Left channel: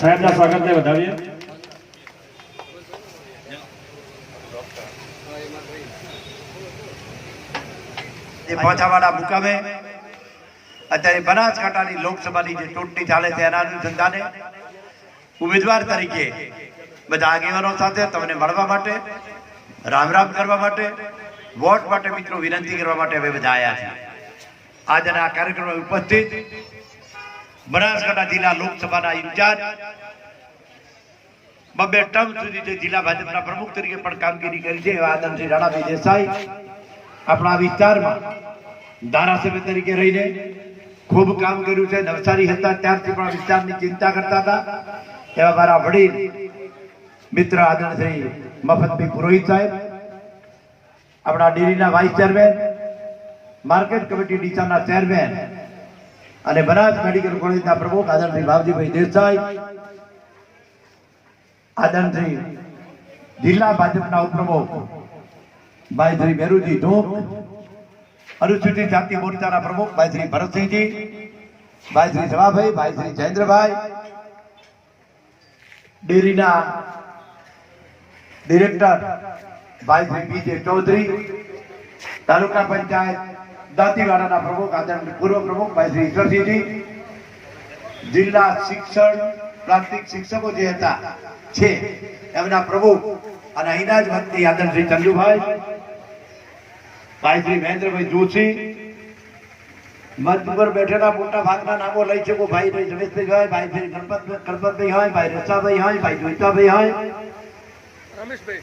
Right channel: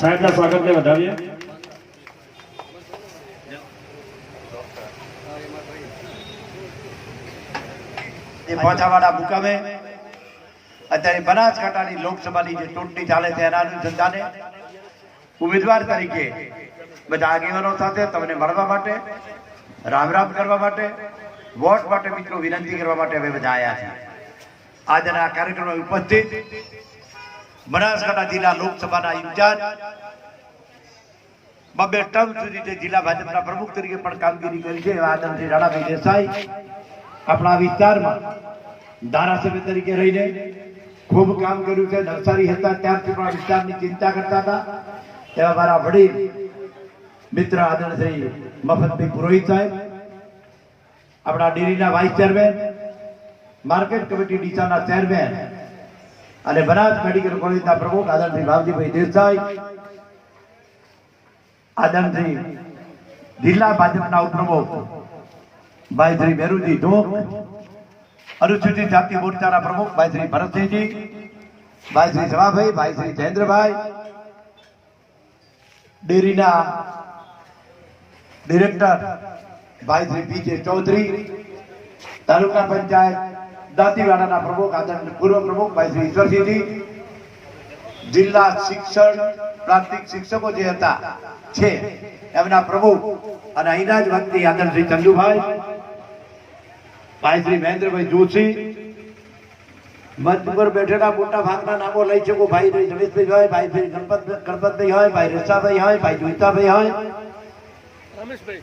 સાહેબના સ્વાગતને વધાવીએ. એ પહોંચાવાળા મુકામે અત્યારે બનાસકાંઠાની લોકસભાની જે ચૂંટણી ચાલે છે એના અનુસંધાને ઉમેદવાર તરીકે બધા આગેવાનો સાથે તમને મળવા માટે, રામ રામ કરવા માટે, વોટ માટે મિત્રો વિનંતી કરવા માટે હવે બધા આવ્યા છે. આજના આ કાર્યક્રમમાં ઉપસ્થિત બનાસકાંઠા જિલ્લા લોકસભાના ઇન્ચાર્જ, બબે ટર્મ સુધી જે જિલ્લા ભાજપના પ્રમુખ તરીકે પણ કામગીરી કરી છે એવા આદરણીય રાણાભાઈ દેસાઈ આપણા વિસ્તારમાં ધારાસભ્ય તરીકે રહીને ખૂબ કામ કર્યું છે. નવસારી હતા ત્યારથી પણ વિસ્તારની ચિંતા કરતા હતા એવા મારા વડીલ મિત્ર આદરણીય મફતભાઈ પુરોહિત સાહેબ, આપણા ડેરીના વાઇસ ચેરમેન, માર્કેટ કમિટી ડીસાના ચેરમેન અને બનાસ મેડિકલ કોલેજના પ્રમુખ આદરણીય ભાવજીભાઈ દેસાઈ, આદરણીય જિલ્લા ભાજપના ઉપપ્રમુખ ભાઈ શ્રી મેરુજી ધોક, અનુસૂચિત જાતિ મોરચાના પ્રમુખ ભાઈ શ્રી ભરતસિંહજી, ભાઈ શ્રી જવાભાઈ, ભાઈ શ્રી જયેન્દ્રભાઈ, ડેરીના ડિરેક્ટર ભાઈ શ્રી પીજે ચૌધરી, તાલુકા પંચાયત દાંતીવાડાના પ્રમુખ આદરણીય પૂર્વ પ્રમુખ ભાઈ શ્રી ઈશ્વરસિંહજી, જિલ્લા શિક્ષણ પ્રાથમિક શિક્ષકો જે હતા છે એમના પ્રમુખ અને અહીંના જ વતની આદરણીય શ્રી ચંદુભાઈ, ભાઈ શ્રી મહેન્દ્રભાઈ જોશી, મંચ ઉપર બેઠેલા મોટા ભાગના નામો લઈ શકો, ભાઈ રમેશભાઈ હોય, ભાઈ શ્રી ગણપતભાઈ હોય, ભાઈ રસાભાઈ હોય, ભાઈ જોઈતાભાઈ હોય,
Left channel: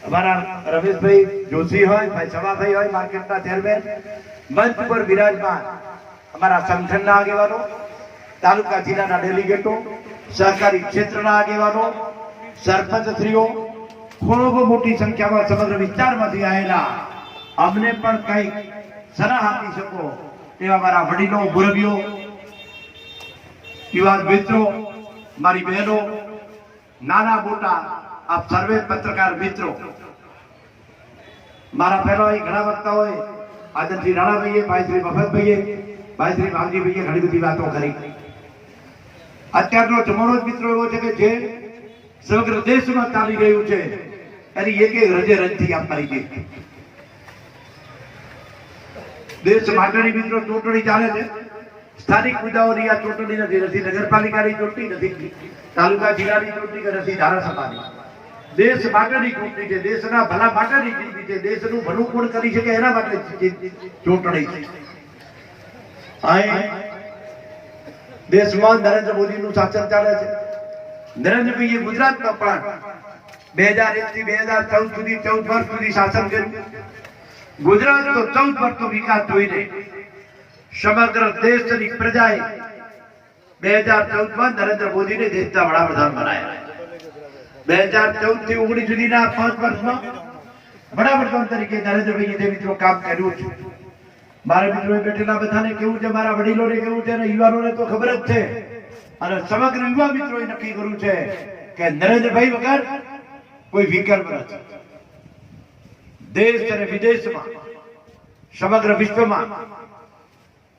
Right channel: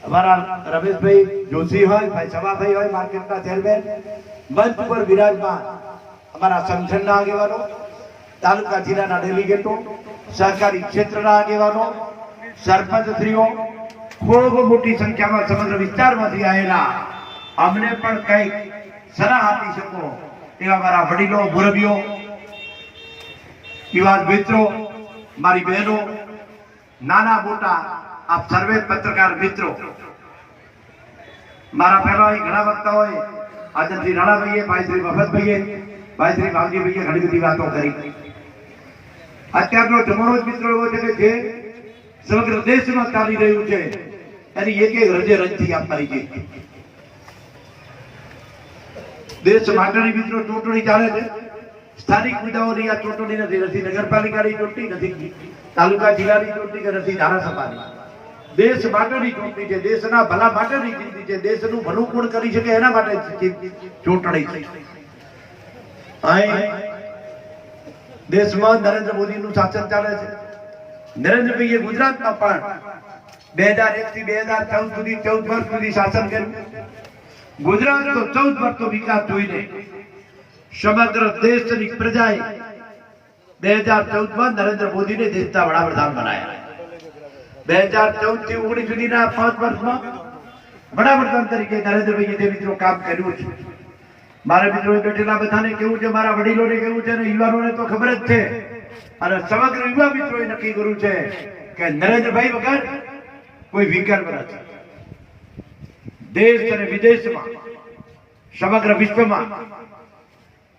અમારા રમેશભાઈ જોશી હોય, ભાઈ સવાભાઈ હોય, માર્કેટના ચેરમેન, મંચ ઉપર બિરાજમાન અમારા સંગઠનના આગેવાનો, તાલુકા જિલ્લાના ડેલિગેટો, સહકારી ક્ષેત્રના આગેવાનો, સરપંચશ્રીઓ, ખૂબ મોટી સંખ્યામાં સમગ્ર વિસ્તારમાંથી આવેલા અમને પણ કંઈક સલાહ આપી શકો તેવા મારા વડીલો, મુરબીઓ, યુવાન મિત્રો, મારી બહેનો, નાના મોટા આપ સર્વે પત્રકાર મિત્રો, મારા પહેલા ઘણા વક્તા હોય આદરણીય રાણાભાઈએ, ભાઈ શ્રી મફતભાઈએ, ભાઈ શ્રી ભાવજીભાઈએ ઘણી બધી વાતો કરી. અત્યારનો જમાનો જ મિત્રો એવો છે કે જે સમગ્ર દેશમાં ચાલી રહ્યું છે એની એક એક રજે રજથી આપવાની છે. દેશ માટેની મિત્રો ચૂંટણી ચાલે છે. સ્થાનિક મુદ્દાઓની આ ચૂંટણી નથી નગરપાલિકાની ચૂંટણી, નથી તાલુકા જિલ્લાની ચૂંટણી કે નથી ધારાસભાની. દેશ માટેની ચૂંટણી છે, દેશના ભલા માટેની ચૂંટણી છે, દેશનું ભલું કોણ કરી શકે એના માટે ચૂંટણી છે. દેશમાં નરેન્દ્ર મોદીનું શાસન ચાલે છે. નરેન્દ્રભાઈએ ગુજરાતમાં પણ 2001 થી 2014 સુધી 14 વર્ષ સુધી શાસન કર્યું. ગુજરાતનો 14 વર્ષનો વિકાસ જોઈને સમગ્ર દેશની પ્રજાએ 2014માં નરેન્દ્ર મોદીને દેશના વડાપ્રધાન બનાવ્યા. 2014 થી 19 સુધીના 5 વર્ષમાં વડાપ્રધાન તરીકે નરેન્દ્રભાઈએ જે મિત્રો કામ કર્યું છે, મારા મિત્રો બેઠેલા બધાને કેવું છે, મારા વડીલોને કેવું છે અને યુવાનોને તો ખબર જ છે અને સમગ્ર યુવા મિત્રોએ નક્કી કર્યું છે કે નરેન્દ્રભાઈ વગર કોઈ વિકલ્પ નથી. દેશ અને વિદેશમાં સમગ્ર વિશ્વમાં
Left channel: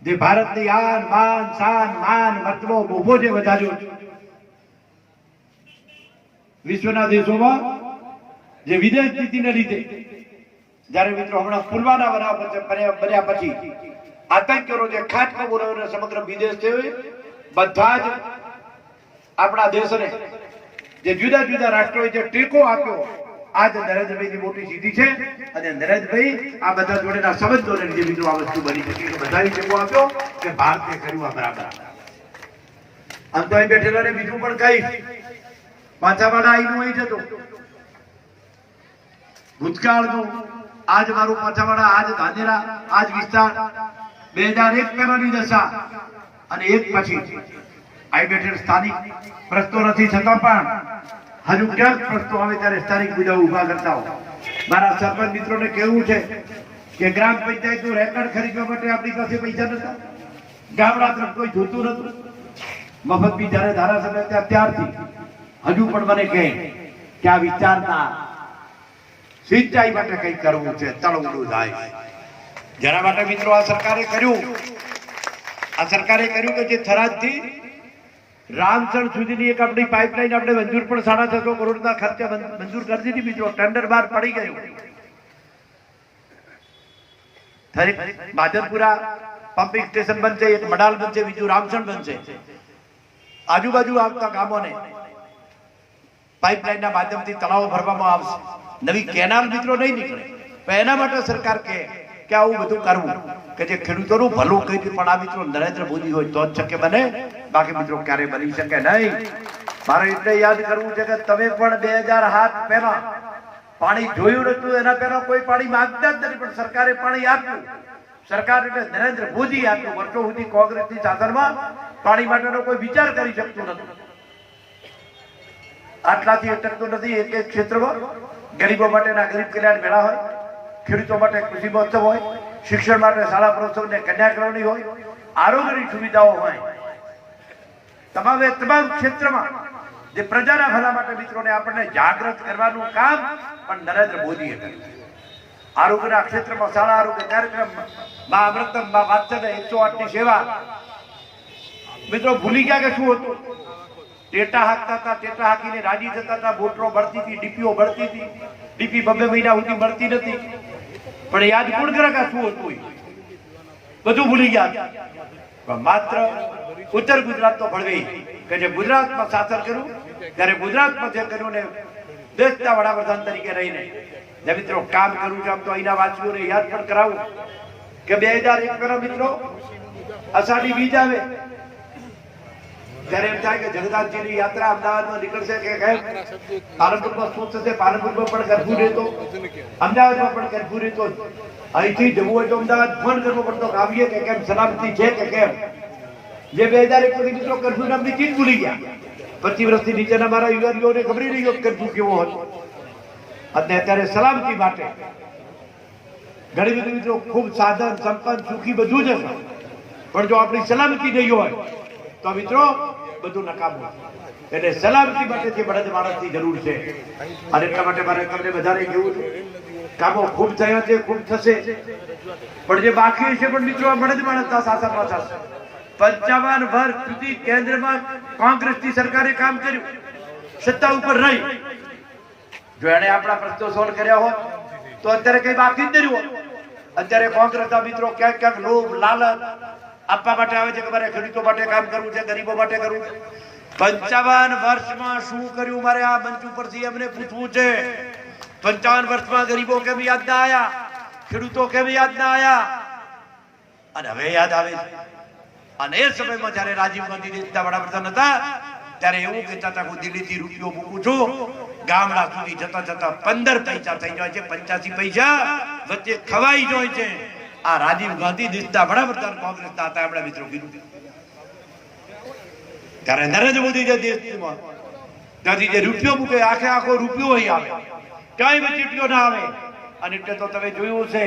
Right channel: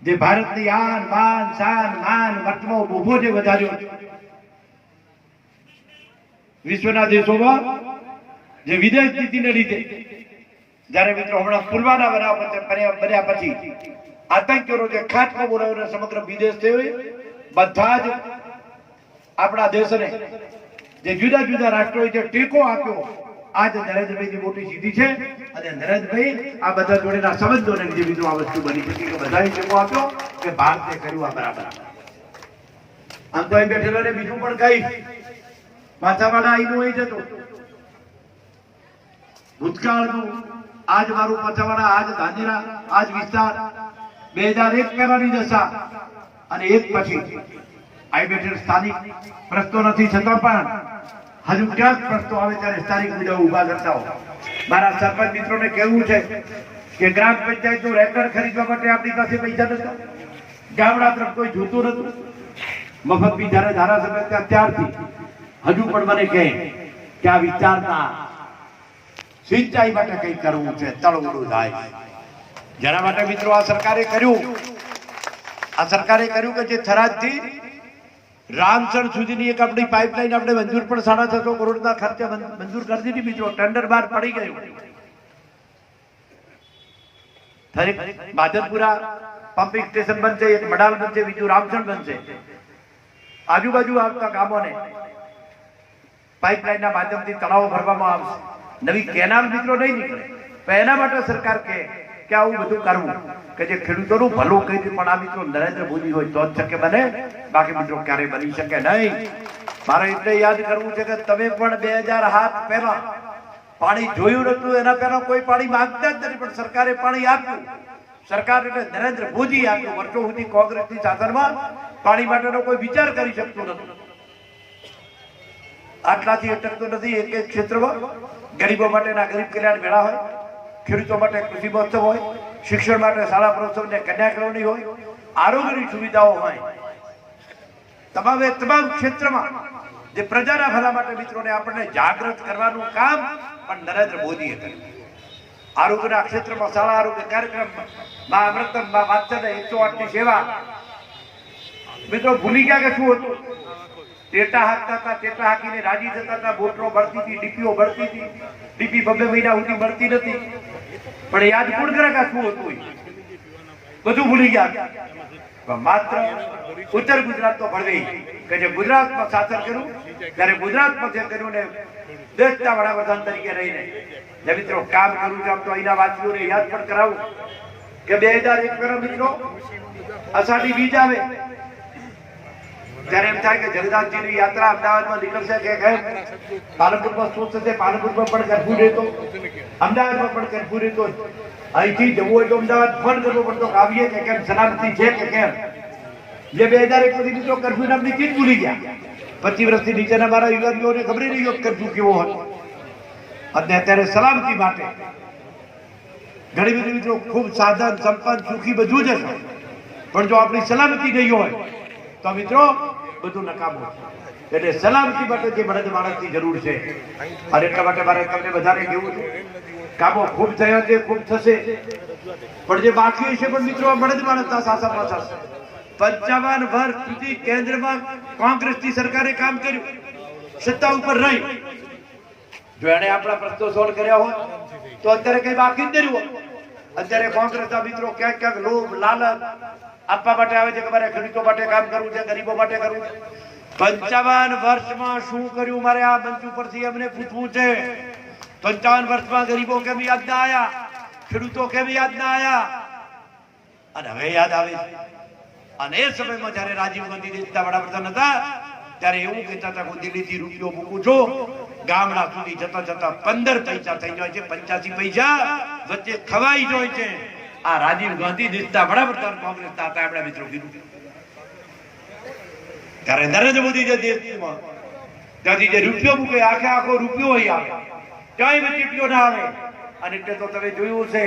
જે ભારતની આન બાન શાન માન મર્તબો ઉભો જે વધાર્યો છે, વિશ્વના દેશોમાં જે વિદેશ નીતિને લીધે જ્યારે મિત્રો હમણાં પુલવામા બન્યા પછી આતંકીઓનો જે ખાટકો બોલાવ્યો સમગ્ર વિદેશ થયો, બધા જ આપણા દેશને જે જુદા જુદા રાષ્ટ્રોએ જે ટેકો આપ્યો, આજ નરેન્દ્રભાઈની મોટી સિદ્ધિ છે અને નરેન્દ્રભાઈ આ બધા જોડેના સંબંધોને લીધે મિત્રો આ વસ્તુ બની શકી કે બધાએ ટેકો આપ્યો કે ભારતીય કર્યું આ બરાબર. આમ તો અહીં બેઠેલાને બીજું પણ કહીશ, પાછાવાળા અહીંનું અહીં જતો ભૂતકાળનું આજ મારું પાછાવાળા, આજ ધાનેરા, આજ વિસ્તાર 2001 પહેલાની દશા અને એક પછી અહીં બેઠેલ સ્થાનિક પ્રશ્નો નથી છતાં પણ હજુ ક્યાંક પ્રશ્નો આવે ત્યારે સ્થાનિક મુદ્દાઓ ઉભા કરતા હોય. મારા સરપંચ મિત્રોને કહેવું છે કે ગ્રામ પંચાયતનું રેકર્ડ ખરીદવા માટે આપણી પાસે પૈસા નતા, ગામડા તરફ કોઈ જોતું નતું. મફતભી જ્યારે ધારાસભ્ય હતા ત્યારથી હજુ પણ મને કહે કે આ વિસ્તારના સિંચાઈ માટે કંઈક કરવું છે, તળવડું થાય. જેના માટે મિત્રો આ સરકારે કર્યું કે જે થરાદથી રામસણ સુધીની એક આપણી પાઇપલાઇન આપણે મંજૂર પણ 650 કરોડના ખર્ચે મંજૂર કરી દીધી મિત્રો. ટેન્ડર બહાર પડી ગયું. માધવપુરા પમ્પિંગ સ્ટેશન બનશે, એક મડાલ બનશે, બીજું રામસણ બનશે. આજુબાજુ આવતા ગામોને પાઇપલાઇનના માધ્યમથી તળાવો ભરવામાં આવશે. નવી કેનાલ મિત્રો નહીં નીકળે. પણ એના માટે સરકાર કે આવું બધું કરવું કે જે ખેડૂતોનું ભલું કરી દે. પણ આ મિત્રો નરેન્દ્ર મોદી હોય તો જ શક્ય બને, બાકી મિત્રો ક્યારે બની શકે નહીં. મારે એટલે યાદ કરવું છે કે તમે પણ 2007 પહેલા પાણી જોયું નતું, એના પહેલા કોઈ પાણી માંગતા જ નથી, પણ સરકારે પાણી આપ્યું. સરકાર એટલે નરેન્દ્ર મોદી આપ્યું. વર્ષો સુધી કોંગ્રેસની શાસનમાં પાણી માટેનો કોઈ વિચાર કરી શકતું નથી. આટલાથી અટકતું નથી. એક એક ક્ષેત્રમાં ગરીબો માટેના ગરીબ કલ્યાણ મેળા હોય, ખેડૂતો માટે કૃષિ મહોત્સવ હોય, શિક્ષણ માટે શાળા પ્રવચન ને કન્યા કેળવણી હોય, આરોગ્યની સુવિધાઓ હોય. તમામે તમામ ક્ષેત્રમાં જે પ્રજાના ભલા માટે મિત્રોને આપણને જાગૃત કરવાનું કામ પણ નરેન્દ્ર મોદીએ કર્યું. આરોગ્યના ક્ષેત્રમાં શાળા આરોગ્ય કાર્યક્રમ, મા અમૃતમ, મા વાત્સલ્ય, 108 ની સેવા. મિત્રો ભૂલી ગયા કે શું હતું? ટેટા હાંકતા હતા, ટેટા હાંકીને રાજી થતા હતા, બોટલો બળતી હતી, ડીપીઓ બળતી હતી. ડીપી 2 મહિના સુધી મળતી નથી. પણ યાદ કોણ કરે કે શું હતું? બધું ભૂલી ગયા. માત્ર ઉત્તર ગુજરાત તો ભળવી કે જે ગુજરાતમાં શાસન કર્યું, ત્યારે ગુજરાતમાં જે કર્યું ને દેશના વડાપ્રધાન તરીકે રહીને જે મિત્રો કામ કર્યું છે. આમ તો અહીંના વાસીઓને યાદ પણ કરાવું કે 2001 મિત્રો અષાઢી બીજ આવે ત્યારે એમ થાય કે જગન્નાથજીની યાત્રા અમદાવાદમાં નીકળશે કે કેમ? પાલનપુરમાં શું થશે? પાલનપુરમાં પણ કરફ્યુ રહેતો, અમદાવાદમાં પણ કરફ્યુ રહેતો. અહીંથી જવું હોય તો અમદાવાદ ફોન કરવો પડતો, આવીએ કે કેમ, સલામતી છે કે કેમ? જે 2001 સુધી મિત્રો કરફ્યુ નામની ચીજ ભૂલી ગયા. 25 વર્ષથી નીચેના મારા યુવાનોને ખબર નહીં હોત કરફ્યુ કેવો હતો. અને અત્યારે સલામતી માટે ઘણી બધી મિત્રો ખૂબ સાધન સંપન્ન સુખી બધું જ છે, પણ જો આપણી સલામતી નહીં હોય તો મિત્રો બધું નકામું. એટલે સલામતી માટે જે બળદ માણસની જરૂર છે. અને એટલા માટે મારે તમને બધાને કહેવું છે, કામો ખૂબ થયા છે, ખૂબ થશે, પણ જે બાકી છે પણ મિત્રો આ બળદ માણસના શાસનમાં થશે. 55 વર્ષ સુધી કેન્દ્રમાં કોંગ્રેસની સરકારે કામ કર્યું, સત્તા ઉપર રહી. જો એને આપણા પ્રશ્નો સોલ્વ કર્યા હોત તો અત્યારે કઈ બાકી જ નહીં હોત. અત્યારે કોંગ્રેસના મિત્રો ક્યાંક ક્યાંક લોભ લાલચ આપવા માટે આવે છે કે મારે ખેડૂતો માટે કામ કરવું છે, ગરીબો માટે કરવું છે. 55 વર્ષમાં શું કર્યું મારે આ મંચ ઉપરથી એમને પૂછવું છે. 55 વર્ષમાં ગરીબો કેમ યાદ ના આયા? ખેડૂતો કેમ યાદ ના આયા? અને હવે યાદ આવે છે. અને એ સમયમાં જયારે રાજીવ ગાંધી દેશના વડાપ્રધાન હતા ત્યારે એવું કહેતા હતા હું દિલ્હીથી રૂપિયો મૂકું છું, ગામડા સુધી જતા જતા 15 પૈસા થઈ જાય છે, 85 પૈસા વચ્ચે ખવાઈ જાય છે. આ રાજીવ ગાંધી દેશના વડાપ્રધાન કોંગ્રેસના હતા. આપણા મિત્રો કીધું ત્યારે નરેન્દ્ર મોદી જે દેશમાં ત્યાંથી જે રૂપિયો મૂકે આખે આખો રૂપિયો અહીં આવે, ક્યાંય વચીટીઓ ના આવે. અને એટલે તો તમે જોયું છે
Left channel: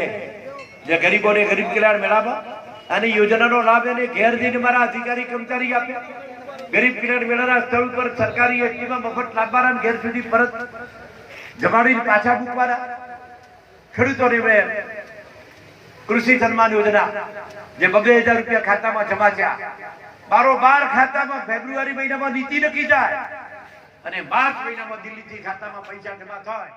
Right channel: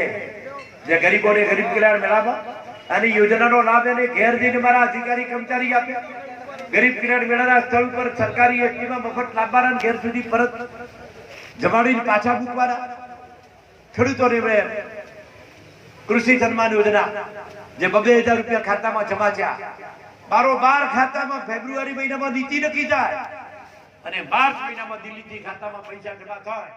જે ગરીબોને ગરીબ કલ્યાણ મેળામાં આની યોજનાનો લાભ એને ઘેર જઈને મારા અધિકારી કર્મચારી આપ્યા. ગરીબ કલ્યાણ મેળાના સ્થળ પર સરકારી એસટીમાં મફત લાવવાના, ઘેર સુધી પરત જમાડીને પાછા મૂકવાના. ખેડૂતોને કૃષિ સન્માન યોજના જે 2,000 રૂપિયા ખાતામાં જમા થયા, 12 ખાતામાં ફેબ્રુઆરી મહિનામાં નીતિ નક્કી થાય અને માર્ચ મહિનામાં દિલ્હીથી ખાતામાં પૈસા જમા થાય.